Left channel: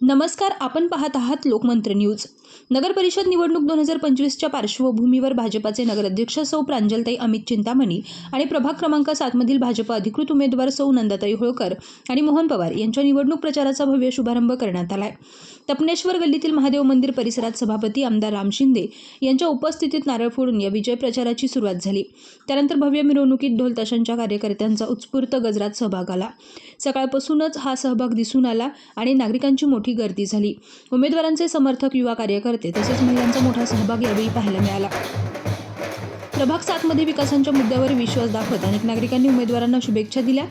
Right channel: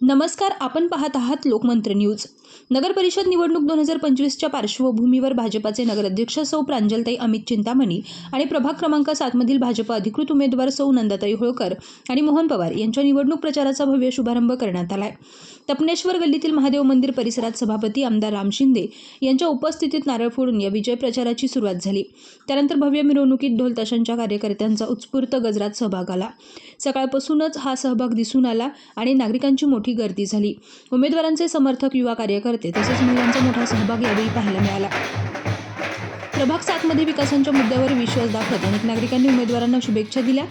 नमस्कार आपण पाहत आहात लोकमंत्र न्यूज. नगर परिषद निवडणूक दोन हजार पंचवीसच्या पार्श्वभूमीवर भाजपाचे नगराध्यक्ष सौ प्रांजलताई अमित चिंतामणी आणि प्रभाग क्रमांक सातमधील भाजप अधिकृत उमेदवार सौ नंदाताई होळकर आणि मोहन पवार यांच्या निवडणूक प्रचाराचा भव्य शुभारंभ करण्यात आलाय. तपनेश्वर गल्लीतील महादेव मंदिर परिसरात सभापती आमदार राम शिंदे यांच्या उपस्थितीत नारळ फोडून या विजय प्रचाराची सुरुवात झाली. त्यानंतर भव्य मिरवणुकीत ढोल ताशांच्या कार्यकर्त्यांचा उत्स्फूर्त गजरात सहभाग आला. सकाळपासूनच हा सहभाग दिसून आला आणि नागरिकांची मोठी गर्दी झाली. उमेदवारांचे समर्थक युवा कार्यकर्ते तसेच महिलांचा मोठा सहभाग यावेळी पाहायला मिळाला. प्रभाग सातमध्ये विकासांच्या मुद्द्यावर विश्वास दाखवत अनेक नागरिकांनी उमेदवारांना शुभेच्छा दिल्या.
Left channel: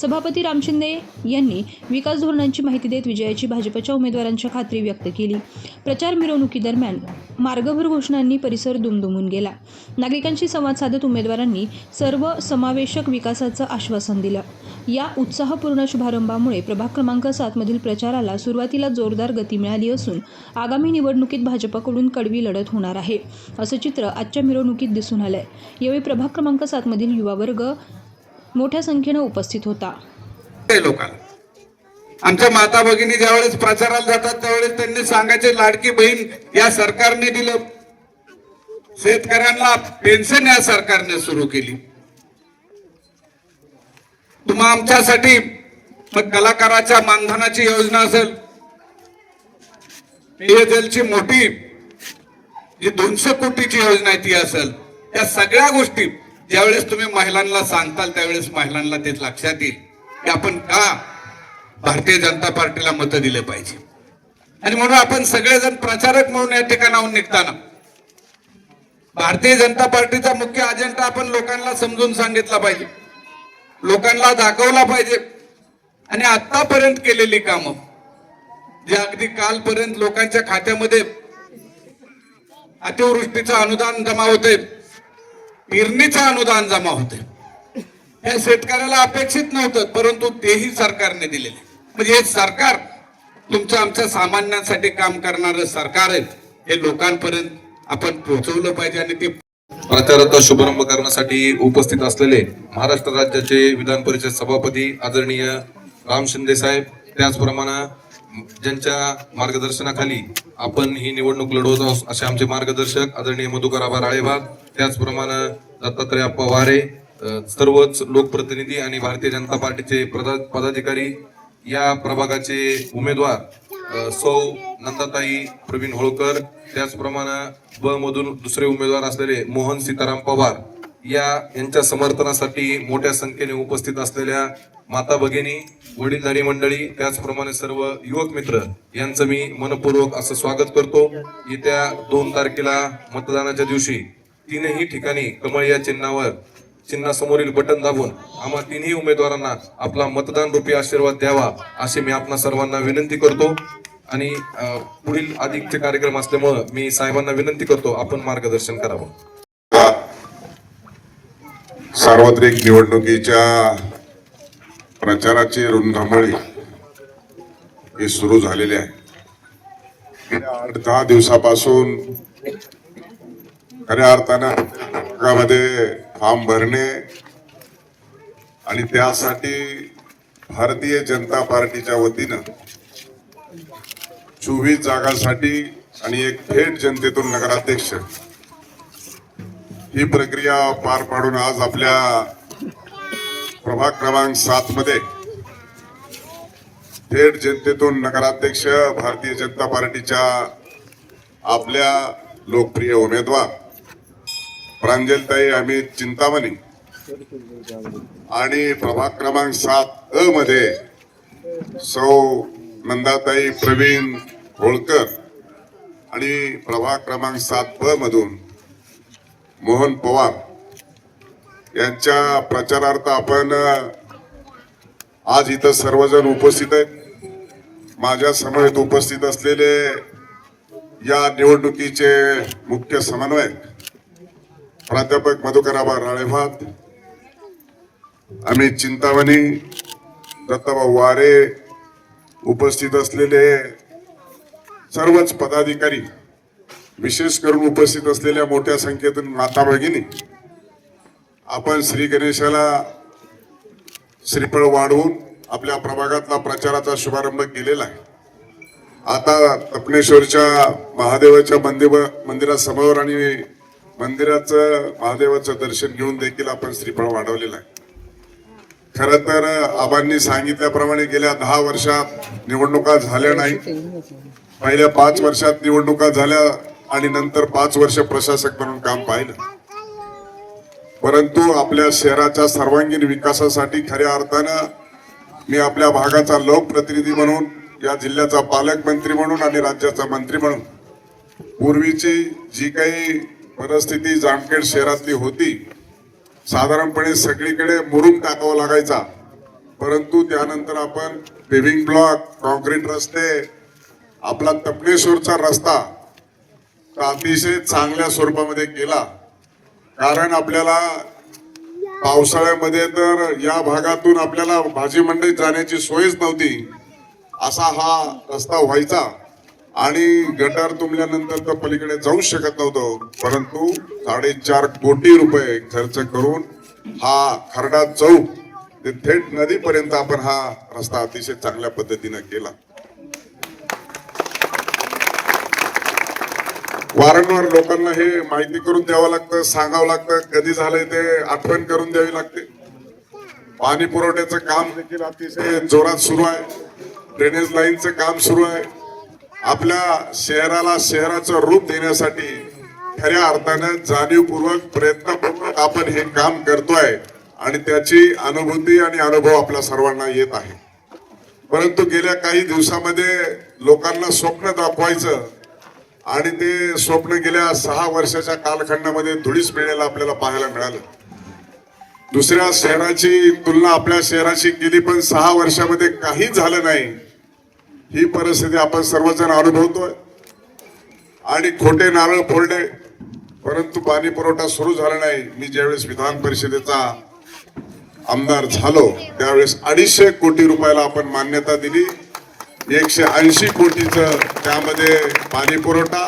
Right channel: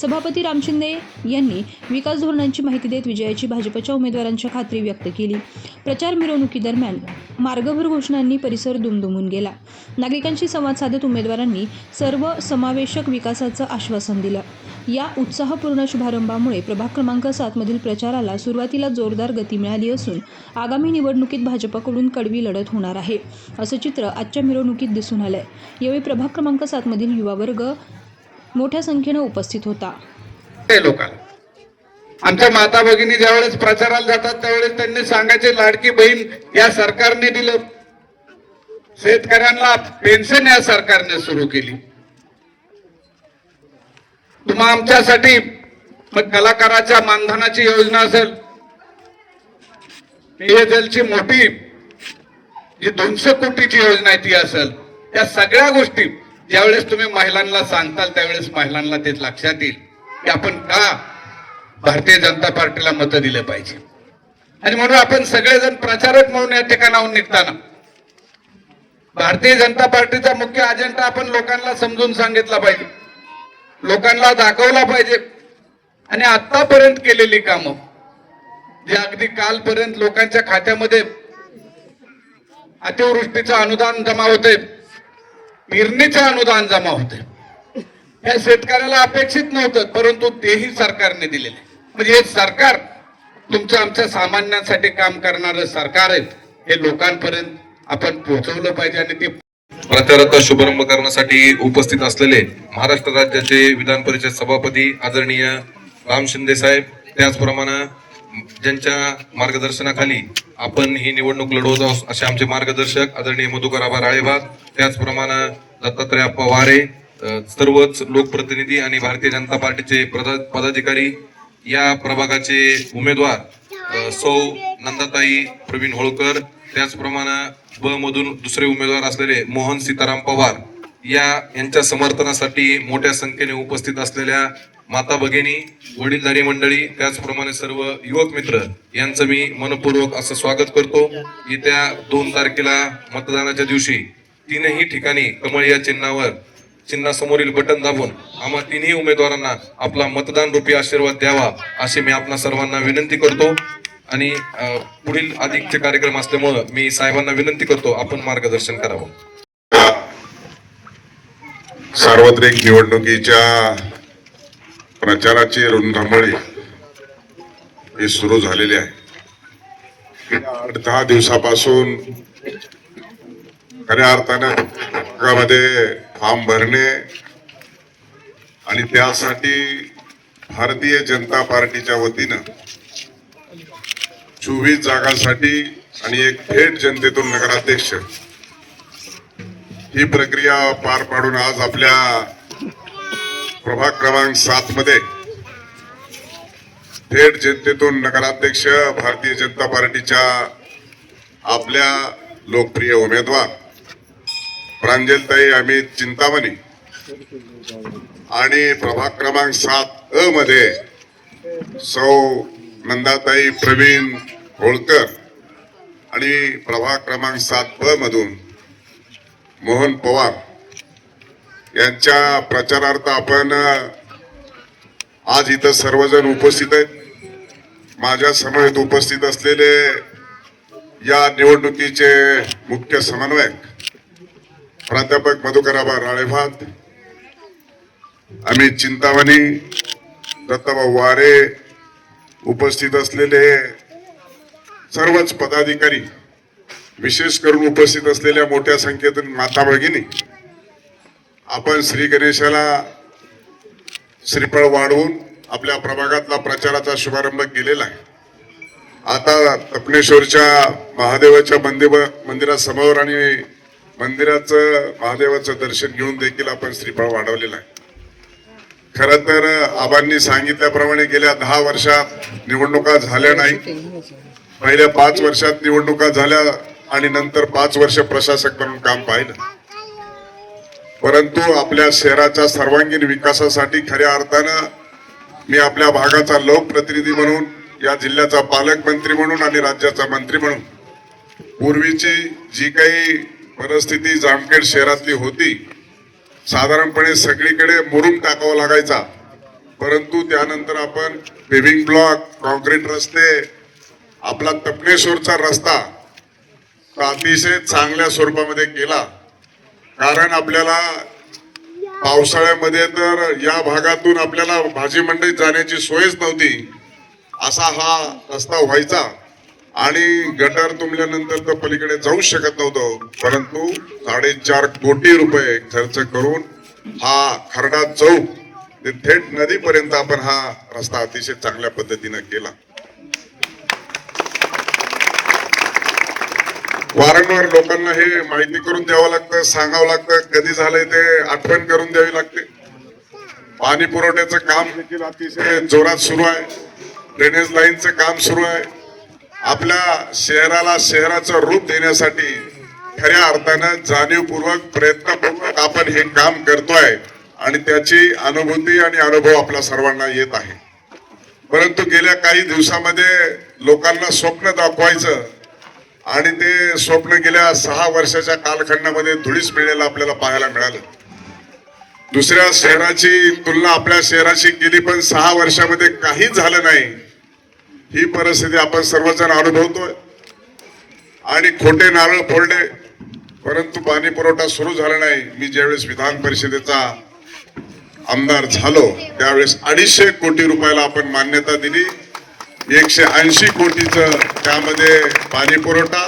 सभापती राम शिंदे यांनी विकास धोरणांची माहिती देत विजयाची भाजपच्या उमेदवारांच्या खात्री व्यक्त केली. प्रचार मिरवणुकीदरम्यान मार्गभर घोषणांनी परिसर दुमदुमून गेला. नागरिकांशी संवाद साधत उमेदवारांनी सर्व समावेशक विकासाचं आश्वासन दिलं. या उत्साहपूर्ण शुभारंभामुळे प्रभाग क्रमांक सातमधील प्रचाराला सुरुवातीला जोरदार गती मिळाली असून आगामी निवडणुकीत भाजपकडून कडवी लढत होणार आहे असं चित्र आजच्या मिरवणुकीत दिसून आलंय. यावेळी प्रभाग क्रमांक सातमधील युवा वर्ग मोठ्या संख्येनं उपस्थित होता. ते आमच्या माता भगिनी ज्यावेळेस प्रचाराला जातात त्यावेळेस त्यांनी सांगायचे लाडकी बहीण या सरकारने दिलं. शेतकऱ्यांना पेन्शन या सरकारने सुरू केली. तुम्हा आमच्यासाठी कलाकाराच्या मानधनाची योजना असेल पेयजलची मोठी जी दोनशे कोटीची योजना आहे ती असेल त्या सगळ्या गोष्टी ज्यावेळेस तुम्ही महिलांना सांगताल त्यावेळेस महिलांना ते लक्षात येईल की आपण का भारतीय जनता पार्टीला मतं दिले पाहिजे. आणि म्हणून आपण सगळेजण प्रचारक म्हणून या ठिकाणाहून निघताना भारतीय जनता पार्टीचा मुख्य अजेंडा आपण लोकांना समजून सांगितला पाहिजे. लोकांना दाखवला पाहिजे. आणि आतापर्यंत केलेली कामं जे अगदी कालपर्यंत लोकांच्या खात्यामध्ये अतिवृष्टीचं अनुदान जमा होते पेरणीचे अनुदान जमा होते हे शेतकऱ्याला अपेक्षित नव्हतं परंतु तेही सरकारने दिलेले. म्हणजे हे सरकार तुमच्या आमच्या सामान्यांसाठी काम करणार सरकार आहे हे लोकांपर्यंत आपण पोहोचवलं पाहिजे आणि ते प्रचाराचा शुभारंभ करण्यासाठी उपस्थित असलेले महाराष्ट्र राज्याचे विधान परिषद सभापती आदरणीय राम शिंदे साहेब त्याचप्रमाणे ज्यांच्या मार्गदर्शनाखाली आपण ही निवडणूक लढवत आहोत असे आमचे मार्गदर्शक आदरणीय मधुकर आबा राळेबाग त्याचप्रमाणे दत्तात्रय अप्पा वारे सर्वच लोकप्रतिनिधी आणि भारतीय जनता पार्टीचे पदाधिकारी या प्रभागाचे उमेदवार सौ नंदाताई प्रवीण होळकर त्याचप्रमाणे ब मधून दुसरे उमेदवार असलेले मोहन सीताराम पवार या यांच्या समर्थनासाठी मोठ्या संख्येने उपस्थित असलेल्या माता भगिनी वडीलधारी मंडळी त्याचप्रमाणे सर्व युवक मित्र यांचं मी मनपूर्वक असं स्वागत करतो. येत्या दोन तारखेला मतदानाच्या दिवशी तीनही ठिकाणी कमळ या चिन्हावर चिन्हासमोरील बटन दाबून आम्हा तिन्ही उमेदवारांना आपला मतदान रूपी आशीर्वाद द्यावा अशी मी आपणा सर्वांना विनंती करतो. आणि पुढील अधिकचे कार्यक्रम असल्यामुळं मी साहेबांना विनंती करतो आपण मार्गदर्शन करावं. सार्वत्रिक निवडणुकीच्या प्रचाराची रुंधमळी ही सुरू झालेली आहे. आठ दहा दिवसापासून खऱ्या अर्थानं भागामध्ये फॉर्म भरणे आणि त्यासाठी भारतीय जनता पार्टीच्या वतीनं चोवीस जागांसाठी आणि एक थेट जनतेतून नगराध्यक्ष ही प्रक्रिया पार पाडून आज आपल्या प्रभाग क्रमांक सात मध्ये थेट जनतेतून नगराध्यक्ष भारतीय जनता पार्टीच्या आपल्या लोकप्रिय उमेदवार प्रांजलताई अमित चिंतामणी आणि प्रभाग क्रमांक सात अ मध्ये सौ नंदाताई प्रवीण होळकर आणि प्रभाग क्रमांक सात ब मधून मोहन पवार. यांच्या प्रचारार्थ आपण आज इथं सर्वजण उपस्थित आहेत. माझ्या समवेत उपस्थित असलेले या निवडणुकीचे मुख्य समन्वयक प्राध्यापक मधुकराबा राळेभात अमित चिंतामणी दत्ताभाऊ वारे उपस्थित असलेले सर्वच पदाधिकारी विशेष करून उपस्थित असलेल्या मोठ्या संख्येतून माता भगिनी आपण श्री गणेशाला श्रीफळ वाढवून आपल्या प्रभागातला प्रचाराचा शुभारंभ केलेला आहे. आता तपनेश्वरच्या महादेवाच्या मंदिर मंदिरासमोर आणि मंदिराचं महादेवाचं दर्शन घेऊन देखील आपण श्रीफळ वाढवलेलं आहे. खर तर आबांनी सांगितल्याप्रमाणे गेल्या दहा वर्षात निवडणुका झाल्या नाही. पहिल्या पाच वर्षात निवडणुका झाल्या आणि नंतर पाच वर्ष प्रशासक म्हणून काम पाहिलं. परंतु आपल्या शहराच्या सर्वांगीण विकासासाठी खऱ्या अर्थानं मी आपल्या भागाचा लोकप्रतिनिधी म्हणून या जिल्ह्याचा पालकमंत्री म्हणून आणि राज्याचा मंत्री म्हणून पूर्वीची जी काही परिस्थिती जामखेड शहरातली होती साधारणपणे सगळीकडे मुरुम टाकावा लागायचा. परंतु त्यानंतर आपण पेव्हिंग ब्लॉक कॉन्क्रीट रस्ते आपला तपनेश्वरचा रस्ता तो अतिशय चांगल्या स्वरूपामध्ये केला. कारण आपल्याला पावसाळ्यामध्ये तर या भागातून आपल्याला भाजी मंडईत जाण्याची सोयच नव्हती. असा हा रस्ता व्हायचा. आणि गटार तुंबल्यानंतर तर पलीकडे जाऊ शकत नव्हतो. परंतु साडेचार कोटी रुपये खर्च करून हा खरडा चौक ते थेट नदीपर्यंत आपण हा रस्ता अतिशय चांगल्या पद्धतीनं केला. वारंवार लोकांना हे माहिती करून द्यावं लागतं सांगावं लागतं कधी झालंय ते आठवण करून द्यावी लागते. पाणी पुरवठ्याचं काम देखील अतिशय जोरात सुरू आहे. ड्रेनेज लाईनचं काम सुरू आहे. आपल्या शहराला शहराचं रूप देण्यासाठी खऱ्या अर्थानं जाणीवपूर्वक प्रयत्नपूर्वक आपण हे काम करतोय आणि त्याची अनुभूती आणि अनुभव आपल्या सर्वांना येत आहे. परंतु गेल्या काही दिवसामध्ये लोकांना स्वप्न दाखवायचं आणि ते स्वप्न गेल्या सहा वर्षाच्या कालखंडामध्ये धुळीस मिळेल आपल्याला पाहायला मिळालं. दुसऱ्या शहराची तुलना आपल्या शहराशी केली पण सहा वर्षामध्ये काहीच झालं नाही. ही परिस्थिती आपण सर्वजण अनुभवतोय. आणि खोटे नारळ फोडले परंतु पाणी पुरवठा सुरू झाला नाही. मी ज्यावेळेस विधान परिषदेचा आमदार झालो त्यावेळेस अडीचशे कोटी रुपयाला आपण मान्यता दिली. एकशे ऐंशी कोटीचं त्यामध्ये पाणी पुरवठा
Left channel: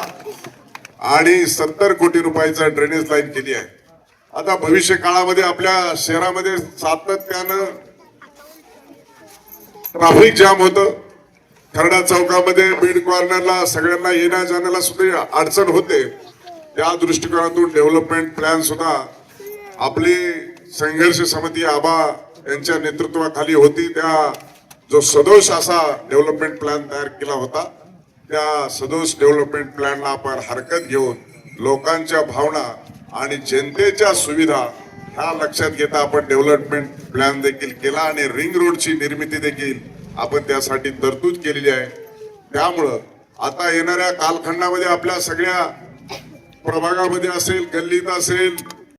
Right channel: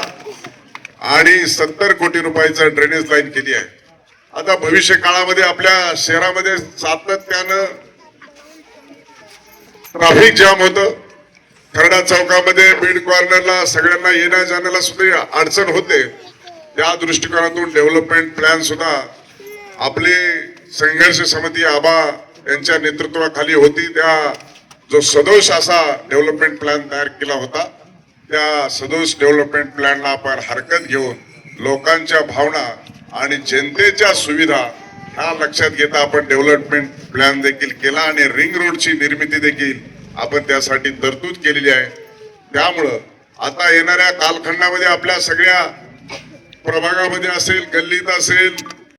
आणि सत्तर कोटी रुपयाचं ड्रेनेज लाईन केली आहे. आता भविष्य काळामध्ये आपल्या शहरामध्ये सातत्यानं ट्राफिक जाम होत. खरडा चौकामध्ये बीड कॉर्नरला सगळ्यांना येण्या जाण्याला सुद्धा अडचण होते. त्या दृष्टिकोनातून डेव्हलपमेंट प्लॅन सुद्धा आपली संघर्ष समिती आबा यांच्या नेतृत्वाखाली होती. त्या जो सदोष असा डेव्हलपमेंट प्लॅन तयार केला होता त्या सदोष डेव्हलपमेंट प्लॅनला आपण हरकत घेऊन लोकांच्या भावना आणि जनतेच्या सुविधा ह्या लक्षात घेता आपण डेव्हलपमेंट प्लॅन देखील केला आणि रिंग रोडची निर्मिती देखील आपण त्यासाठी तरतूद केलेली आहे. त्यामुळं आता येणाऱ्या कालखंडामध्ये आपल्या सगळ्या प्रभागामध्ये असेल गल्लीत असेल